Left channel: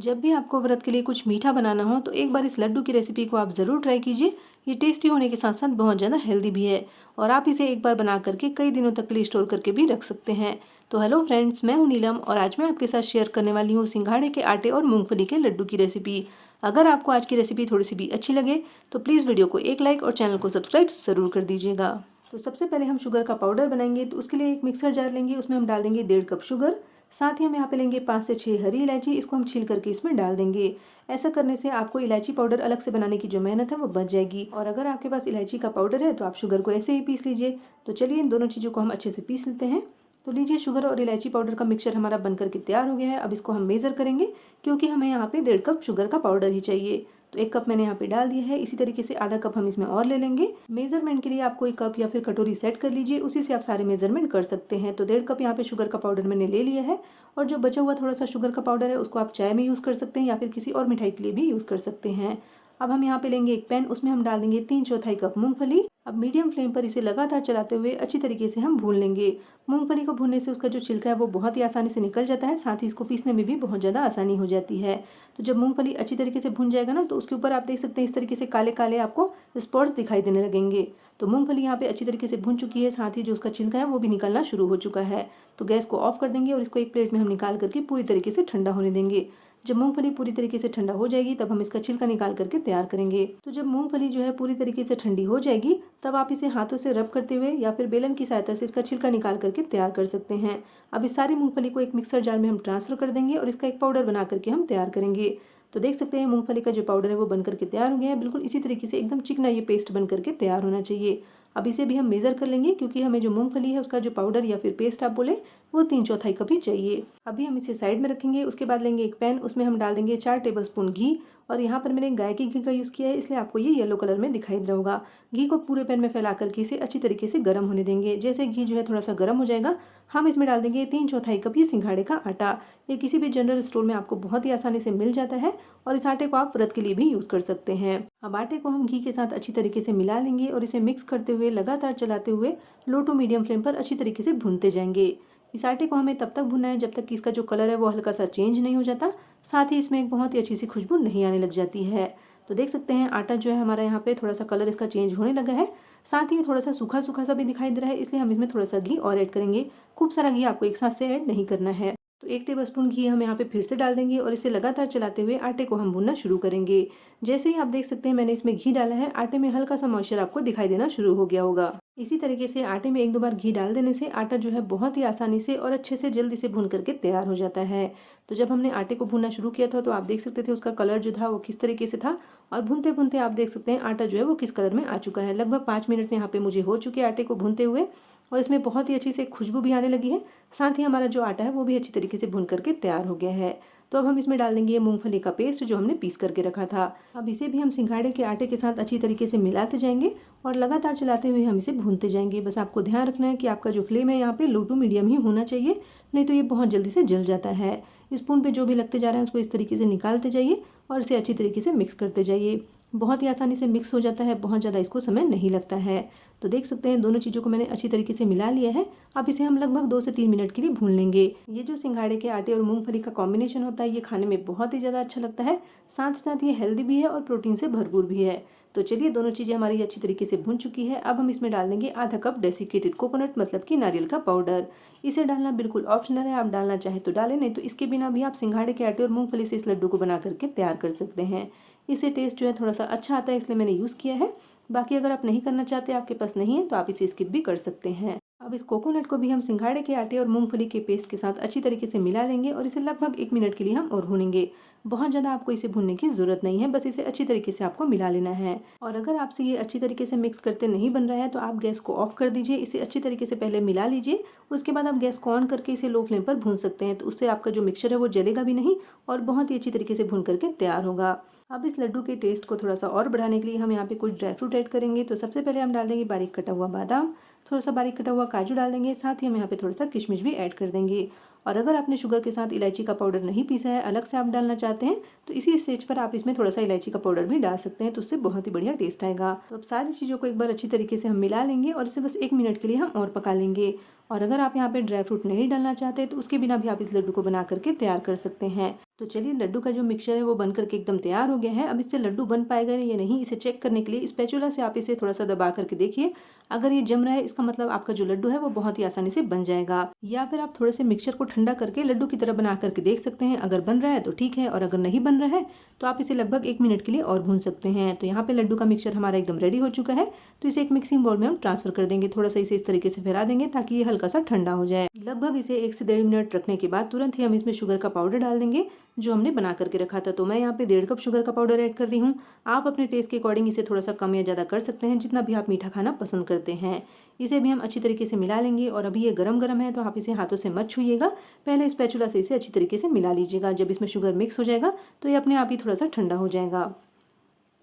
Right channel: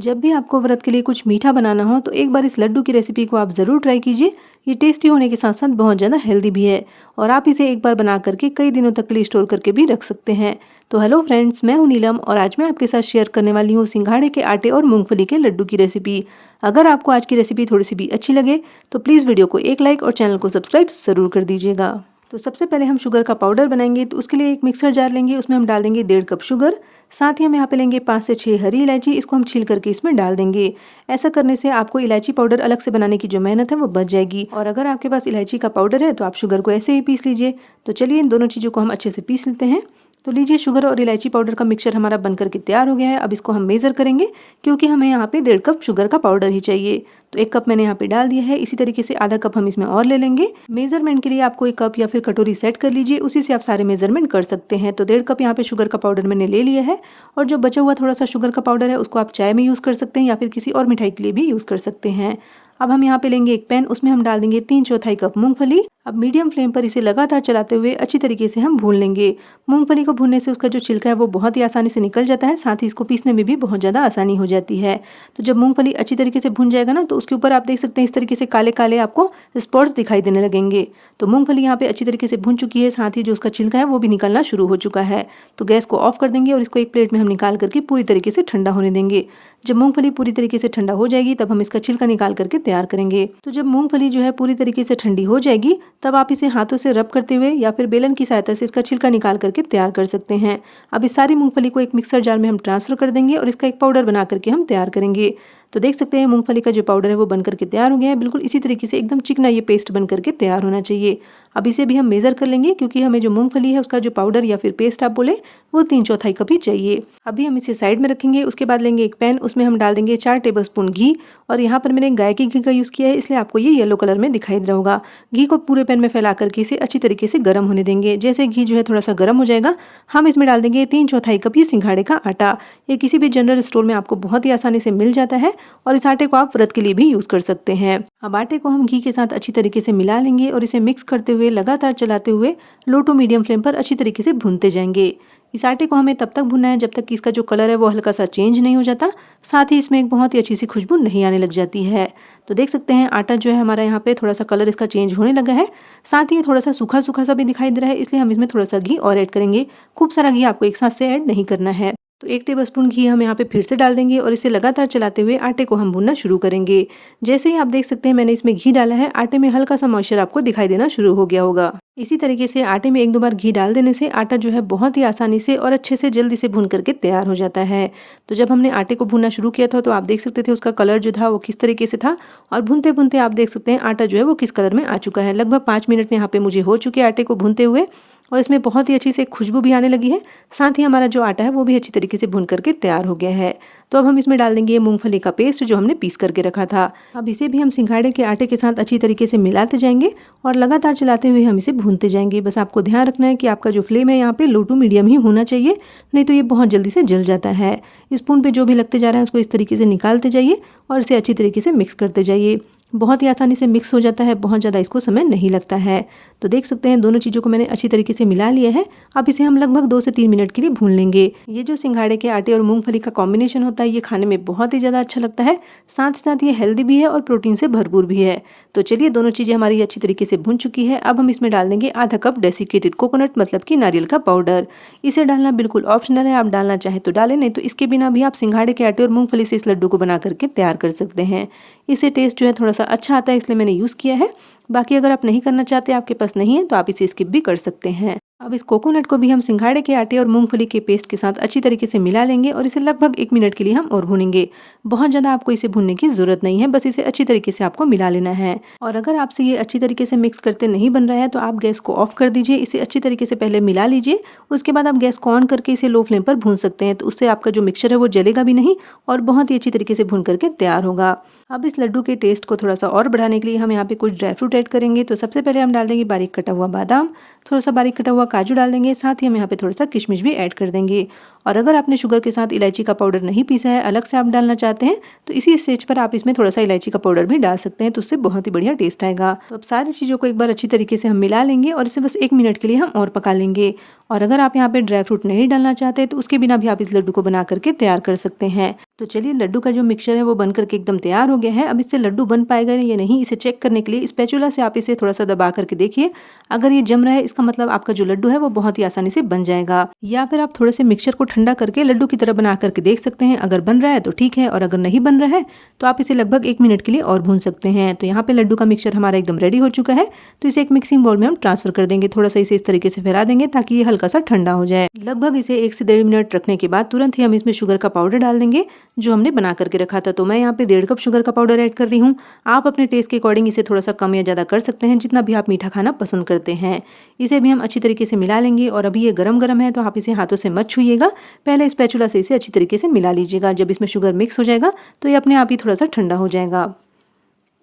जब भी आपको व्रत के लिए कुछ मीठा बनाना हो तो एक बार इस लड्डू की रेसिपी को आप ज़रूर ट्राई कीजिए। ये टेस्टी होने के साथ साथ बहुत ज़्यादा हेल्दी भी है और आप इसे एक बार बना करके कई दिनों तक के लिए स्टोर करके भी रख सकते हैं। तो हेलो फ्रेंड्स, मैं हूं नीलम और आज मैं आपके साथ शेयर करने वाली हूँ सिंघाड़े के आटे और मूंगफली के लड्डू की रेसिपी। अगर आपको आज की रेसिपी थोड़ी सी भी अच्छी लगे तो प्लीज़ वीडियो को एक लाइक और चैनल को सब्सक्राइब ज़रूर कर दीजिएगा। तो सबसे पहले हम शुगर का पाउडर बनाएंगे, तो उसके लिए एक मिक्सर जार लेंगे, उसमें हम डाल देंगे 1.5 कप शुगर। साथ ही हम यहाँ पे लेंगे 5 से 6 हरी इलायची, इसको हम छील करके इसमें डाल देंगे। ऐसा करने से आपको इलायची पाउडर अलग से बनाने की जो मेहनत है वो बच जाएगी। और अगर आपके पास इलायची का पाउडर है तो आप शुगर को ऐसे ही पीस लीजिए। तो चलिए इन दोनों चीज़ों को हम अच्छे से पीस लेते हैं। तो लीजिए, शुगर और इलायची पाउडर का मिक्सचर हमारा बनकर के तैयार हो गया है। अब इसको हम मेज़र करेंगे क्योंकि हमें यहाँ पे 1.5 कप शुगर का पाउडर ही चाहिए। तो 1 कप मैंने यहाँ पे डाल दिया है। इसी तरीके से आधा कप हम इसमें और ले लेंगे। मेजरमेंट के लिए आप कोई कप या फिर कटोरी सेट कर लीजिए, उसी से आप सारे मेजरमेंट कर सकते हैं। तो 1.5 कप यहाँ पे शुगर का पाउडर मैंने ले लिया है। और जो बचा हुआ थोड़ा सा शुगर का पाउडर है उसको आप चाय में यूज़ कर सकते हैं या फिर किसी और मिठाई के लिए भी यूज़ कर सकते हैं। अब हम यहाँ पे लेंगे एक पैन, उसमें हम डाल देंगे 3/4 कप मूंगफली। अब मीडियम फ्लेम पर इसे लगातार चलाते हुए अच्छी तरीके से हम भून लेंगे। मूंगफली को भूनने से उसका जो छिलका है वो बहुत ही आसानी से निकल जाता है, साथ ही इसको पीसने में भी बहुत ज़्यादा आसानी हो जाती है। तो जब मूंगफली अच्छी तरीके से भून जाएगा ना, तो उसके ऊपर आप देख सकते हैं इस तरीके से काले काले आपको स्पॉट्स दिखाई देने लगेंगे। तो मूंगफली यहाँ पे अच्छी तरीके से भून चुकी है, साथ ही जो उसका छिलका है वो भी निकलना शुरू हो चुका है। तो गैस को ऑफ कर देंगे और इसको एक प्लेट में हम निकाल करके पूरी तरीके से ठंडा होने देंगे। जब मूंगफली पूरी तरीके से ठंडा हो जाएगी तब हम इसका छिलका निकाल करके तैयार करेंगे। तो जब मूंगफली जो है पूरी तरीके से ठंडी हो जाएगी तब आप इसे हाथों से रब करते हुए या फिर बेलन की सहायता से इसका छिलका निकाल करके तैयार कर सकते हैं। अब इस सारी मूंगफली को एक मिक्सर जार में हम ट्रांसफर कर देंगे और इसका एक पाउडर बना करके हम तैयार करेंगे। तो देख सकते हैं मूंगफली का जो पाउडर है वो बन करके तैयार हो गया है। बिल्कुल इसी तरीके से एकदम चिकना ये पेस्ट बन करके तैयार होना चाहिए। अब इसे भी हम मेज़र कर लेंगे क्योंकि हमें जो मूंगफली है उसका जो पाउडर या फिर पेस्ट आप बोले वो 3/4 कप ही चाहिए। अभी हम इसे साइड में रखेंगे। उसके बाद लेंगे एक पैन, उसमें हम डाल देंगे 4 टेबलस्पून घी। और यहाँ पर मैंने गाय के घी का यूज़ किया है, इसलिए आपको ये येलो कलर में दिखाई दे रहा होगा। घी को पूरे पैन में फैला करके इसे अच्छी तरीके से गर्म होने देंगे। जैसे घी जो है थोड़ा सा गर्म हो जाएगा, हम इसमें डाल देंगे 3/4 कप ये सिंघाड़े का आटा। ये किसी भी जनरल स्टोर में आपको बहुत ही आसानी से मिल जाता है और इस आटे को आप व्रत के लिए भी यूज़ कर सकते हैं। अब आटे को हम घी के साथ अच्छी तरीके से मिला लेंगे और इसे मिक्स करते हुए लगातार चलाते हुए लो टू मीडियम फ्लेम पर अच्छी तरीके से भूनते जाएंगे। इस आटे को हमें तब तक भूनना है जब तक कि इसका जो कलर है वो हल्का सा चेंज नहीं हो जाता, साथ ही इसमें एक बहुत ही अच्छी सी खुशबू नहीं आने लग जाती है। तो देख सकते हैं आटा जो है हमारा यहाँ पे थोड़ा सा कलर इसका चेंज होने लगा है, साथ ही ये थोड़ा सा सूखा सूखा सा भी दिखाई दे रहा है, इसलिए हम इसमें थोड़ा सा घी और ऐड करेंगे। खूब सारा घी आपको एक साथ से ऐड नहीं करना है। तो 1 टेबलस्पून घी हम यहाँ पे फिर से डाल देंगे और इसे लगातार चलाते हुए आटे को हम भूनना शुरू करेंगे। जैसे ही आप देख सकते हैं मैंने इसमें घी डाला है, आटे में हल्का सा मॉइस्चर आपको दिखाई देना शुरू हो गया होगा। इसी तरीके से आटे में 1-2 बार घी डाल देने से आटा जो है बहुत ही आसानी से और अच्छे से जल्दी से भून करके तैयार हो जाता है। तो जब हमने आटे को भूनना शुरू किया था तो आप देख सकते थे उसका कलर जो था वो किस तरीके से था और भूनते-भूनते आप देख सकते हैं आटा जो है वो किस कलर में आ चुका है। लगभग 5 मिनट में यहाँ पे मुझे हो चुके हैं आटे को भूनते हुए और इसमें बहुत ही अच्छी से खुशबू भी आने लगी है। साथ ही हमारा जो आटा है वो भी अच्छी तरीके से भून करके तैयार हो गया है। तो अब हम इसमें डाल देंगे ये मूंगफली का पेस्ट जो हमने पीस करके रखा था। अब इसे भी हम सिंघाड़े के आटे के साथ अच्छी तरीके से मिलाते जाएंगे और लगातार चलाते हुए हम इसे भूनते जाएंगे। बस आपको ध्यान रखना है कि आपका जो फ्लेम है यहाँ पे लो टू मीडियम ही होना चाहिए, नहीं तो ये बहुत जल्दी से जल जाता है। स्पून पे जो भी लगते जा रहा है उसको इस तरीके से निकालते जाइए और इसे अच्छी तरीके से मिक्स करते जाइए। बहुत ही आसानी से मिक्स हो जाता है, बहुत ज़्यादा इसको समय नहीं लगता है। तो देख सकते हैं दोनों चीज़ों को मैंने अच्छी तरीके से मिला लिया है। अब इसे हम लगभग 2 से 3 मिनट के लिए भून लेंगे। ये जो सिंघाड़े के आटे और मूंगफली का कॉम्बिनेशन होता है ये खाने में बहुत ही ज़्यादा अच्छा लगता है, साथ ही साथ ये हेल्दी भी है और प्रोटीन से भरपूर भी है। तो चलिए दोनों चीज़ें हमारी अच्छी तरीके से भून चुकी है। अब हम इसमें डाल देंगे आधा कप डेसिकेटेड कोकोनट मतलब कि नारियल का पाउडर। इसे डालना बिल्कुल ऑप्शनल है, आप डालना चाहे तो डालें, नहीं तो इसके बिना भी आप सिंघाड़े के आटे और मूंगफली से इस लड्डू को बना करके तैयार कर सकते हैं। इससे टेस्ट जो है थोड़ा सा अच्छा आता है, इसलिए मैंने यूज़ किया है। बाकी अगर आप नहीं करना चाहते, आपके पास नहीं है, तो आप इसे स्किप भी कर सकते हैं। अब इस कोकोनट को भी हम सिंघाड़े के आटे और मूंगफली के पेस्ट के साथ अच्छी तरीके से मिला लेंगे और इसे लगभग 1 मिनट के लिए हम और भूनेंगे। बहुत ज़्यादा आपको इसे भूनने की ज़रूरत नहीं है, बस इसे अच्छी तरीके से आपको मिला लेना है। और अगर आपसे ये अच्छी तरीके से मिक्स करते नहीं बन रहा है तो आप गैस को ऑफ कर दीजिए। इसे अच्छी तरीके से पहले मिला लीजिए, उसके बाद आप गैस को ऑन करके इसे लो फ्लेम पर भून सकते हैं। तो उससे आपका जो मिक्सचर है वो जलेगा भी नहीं और बहुत ही अच्छी तरीके से भून करके तैयार होगा। अब इस लड्डू के टेस्ट को थोड़ा सा और बढ़ाने के लिए हम यहाँ पे कुछ ड्राई फ्रूट ऐड करेंगे। तो सबसे पहले हम डाल देंगे बारीक कटा हुआ बादाम, थोड़ा सा बारीक कटा हुआ काजू डाल देंगे, साथ ही हम यहाँ पे थोड़ा सा किशमिश भी ऐड कर देंगे। और अगर आपने शुगर के साथ इलायची का पाउडर नहीं पीसा है, अलग से आप डालना चाहते हैं, तो इसी स्टेज पर आप इसमें थोड़ा सा इलायची का पाउडर भी डाल सकते हैं, तो उससे बहुत ही बढ़िया टेस्ट आएगा। तो अब सारी चीज़ों को एक बार अच्छी तरीके से हम मिला लेंगे और इसे बस 1 मिनट के लिए हम और पका लेंगे। और अगर आप यहाँ पे ड्राई फ्रूट नहीं डालना चाहते तो उसके बिना भी आप इस लड्डू को बना करके तैयार कर सकते हैं। तो चलिए, लड्डू का जो मिक्सचर है वो बन करके एकदम तैयार हो गया है। अब इससे लड्डू बन पाएगा या नहीं, इसे चेक करने के लिए स्पैचुला से आप इसे थोड़ा सा दबा करके देखिए। अगर ये जम रहा है, इसका मतलब आपका जो लड्डू है वो बहुत ही आसानी से बन जाएगा। या फिर आप थोड़े से मिक्सचर को ठंडा करके लड्डू की तरह बना करके देख सकते हैं। अगर बन रहा है तो ठीक है, और अगर नहीं बन रहा है तो आप इसे लगभग 1 मिनट के लिए और भून सकते हैं। तो यहाँ पे लड्डू का मिक्सचर हमारा एकदम रेडी हो चुका है। तो इसे एक मिक्सिंग बाउल में हम ट्रांसफर कर देंगे। थोड़ा सा इसे इस तरीके से फैला देंगे ताकि ये हल्का सा ठंडा हो जाए। लगभग इसे 1 से 1.5 मिनट रखने के बाद तुरंत ही हम इसमें शुगर का पाउडर डाल देंगे जो हमने बना करके रखा था। तो मैं यहाँ पे 1.5 कप शुगर का पाउडर ऐड कर रही हूँ। आप अपने टेस्ट के अकॉर्डिंग इसे थोड़ा सा कम या ज़्यादा कर सकते हैं, जितना भी आप मीठा खाना पसंद करते हैं। इसे भी हम अच्छी तरीके से मिला लेंगे। और अभी ये गरम गरम है तो आप इसे हाथों से मत छूइएगा, पहले स्पैचुला से इसे अच्छी तरीके से मिला लीजिएगा। जब इसमें शुगर मिक्स हो जाएगा तो ये अपने आप ही थोड़ा सा ठंडा हो जाएगा।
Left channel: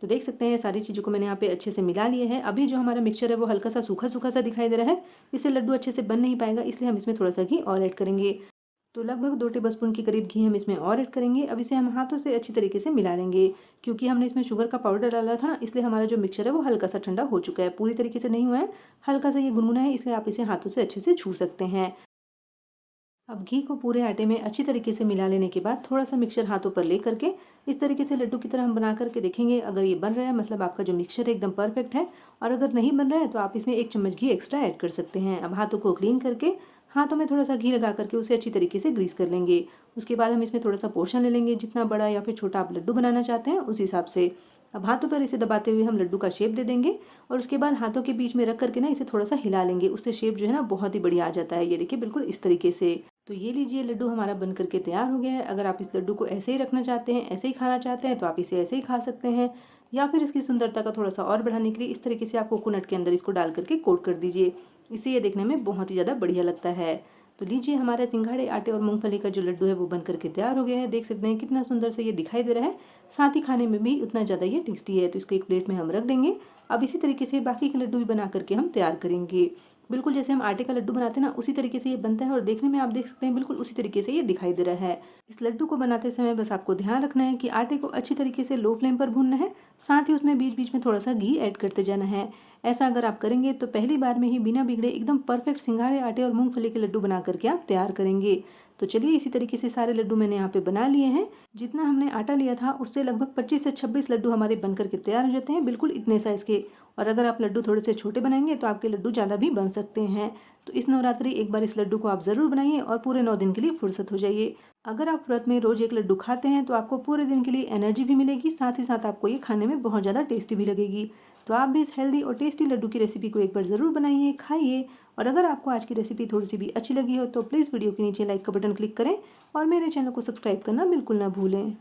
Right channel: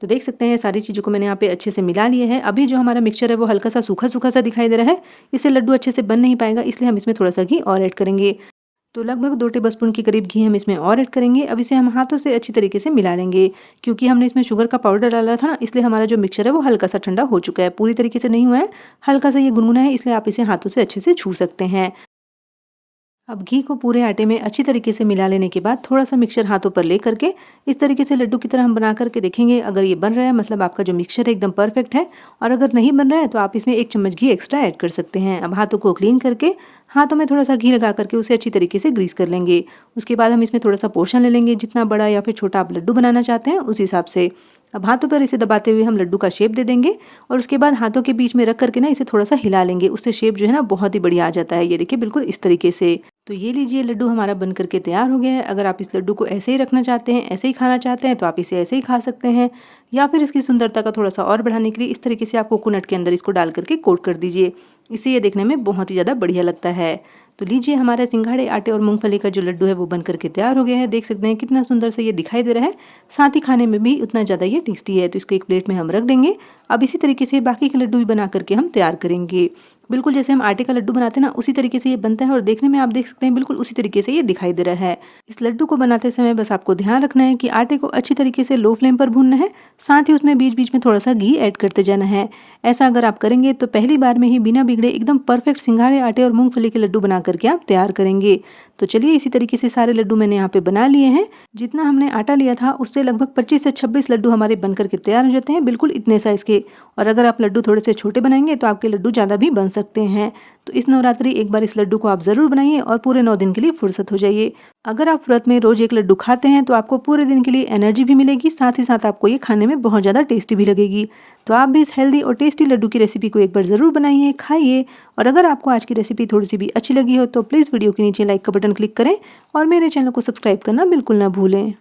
तो देख सकते हैं सारी चीज़ों को मैंने यहाँ पे अच्छे से मिला लिया है। अभी जो हमारा मिक्सचर है वो हल्का सा सूखा सूखा सा दिखाई दे रहा है। इससे लड्डू अच्छे से बन नहीं पाएगा, इसलिए हम इसमें थोड़ा सा घी और ऐड करेंगे। तो लगभग 2 टेबलस्पून के करीब घी हम इसमें और ऐड करेंगे। अब इसे हम हाथों से अच्छी तरीके से मिला लेंगे। क्योंकि हमने इसमें शुगर का पाउडर डाला था ना, इसलिए हमारा जो मिक्सचर है वो हल्का सा ठंडा हो चुका है, पूरी तरीके से नहीं हुआ है, हल्का सा ये गुनगुना है, इसलिए आप इसे हाथों से अच्छे से छू सकते हैं। अब घी को पूरे आटे में अच्छी तरीके से मिला लेने के बाद थोड़ा सा मिक्सचर हाथों पर ले करके इस तरीके से लड्डू की तरह हम बना करके देखेंगे। अगर ये बन रहा है मतलब आपका जो मिक्सचर है एकदम परफेक्ट है। और अगर नहीं बन रहा है तो आप इसमें 1 चम्मच घी एक्स्ट्रा ऐड कर सकते हैं। अब हाथों को क्लीन करके हाथों में थोड़ा सा घी लगा करके उसे अच्छी तरीके से ग्रीस कर लेंगे। उसके बाद हम इसमें थोड़ा सा पोर्शन ले लेंगे, जितना बड़ा या फिर छोटा आप लड्डू बनाना चाहते हैं उस हिसाब से। अब हाथों पर इसे दबाते हुए हम लड्डू का शेप दे देंगे। और उसके बाद हाथों के बीच में रख करके ना इसे थोड़ा सा हिला लेंगे, उससे शेप जो है ना बहुत ही बढ़िया आ जाता है। ये देखिए बिल्कुल इस तरीके से। तो ये लीजिए, लड्डू हमारा बन करके तैयार हो गया है। अगर आप इस लड्डू को ऐसे ही रखना चाहते हैं, ऐसे ही खाना चाहते हैं, तो आप इसे ऐसे ही खा सकते हैं। या फिर इसकी सुंदरता का थोड़ा सा और बढ़ाने के लिए इस तरीके से आप कोकोनट के अंदर इसको डाल करके कोट कर दीजिए। इससे ये देखने में बहुत ही ज़्यादा बढ़िया लगता है। तो लीजिए, हमारे सिंघाड़े आटे और मूंगफली का जो लड्डू है वो बन करके तैयार हो गया है। देख सकते हैं कितना सुंदर से ये दिखाई दे रहा है, साथ ही खाने में भी उतना ज़्यादा ये टेस्टी है। तो इसको एक प्लेट में हम रख देंगे। अब इसी तरीके से बाकी के लड्डू भी बना करके हम तैयार करेंगे। बिल्कुल जैसे हम आटे का लड्डू बनाते हैं ना, उसी तरीके से ये बनता है। और देखने में आप देख सकते हैं बिल्कुल उसी तरीके से ये दिखाई दे रहा है। इस लड्डू को बनाते समय बस आपको ध्यान रखना है कि आटे को अच्छी तरीके से लो फ्लेम पर भूनना है, साथ ही उसमें बीच बीच में थोड़ा सा घी ऐड करते जाना है। ऐसा अगर आप करेंगे तो पहली बार में ही बिना बिगड़े एकदम परफेक्ट सिंघाड़े आटे और मूंगफली के लड्डू बना करके आप तैयार करेंगे। तो चलिए, इसी तरीके से सारे लड्डू मैंने यहाँ पे बना लिए हैं। जितना हमने आटा लिया था उससे लगभग 25 से 26 लड्डू हमारे बन करके तैयार हो जाते हैं, बिल्कुल इतने साइज़ के। और अगर आप लड्डू थोड़े से छोटे बनाएंगे तो आपके लड्डू ज़्यादा भी बन सकते हैं। तो इस नवरात्रि एक बार इस लड्डू को आप ज़रूर बनाइए और पूरे 9 दिन के लिए फुर्सत हो जाइए। अगर आप व्रत में रोज़ एक लड्डू खाते हैं तो आपको पूरे दिन के लिए एनर्जी भी मिलेगी, साथ ही साथ आपको ये खाने में बहुत ज़्यादा टेस्टी भी लगेगी। तो आप भी इस हेल्दी और टेस्टी लड्डू की रेसिपी को एक बार ज़रूर बनाइए, खाइए। और अगर आपको आज की रेसिपी थोड़ी सी भी अच्छी लगी हो तो प्लीज़ वीडियो के नीचे लाइक का बटन क्लिक करें और मेरे चैनल को सब्सक्राइब करना बिल्कुल ना भूलें।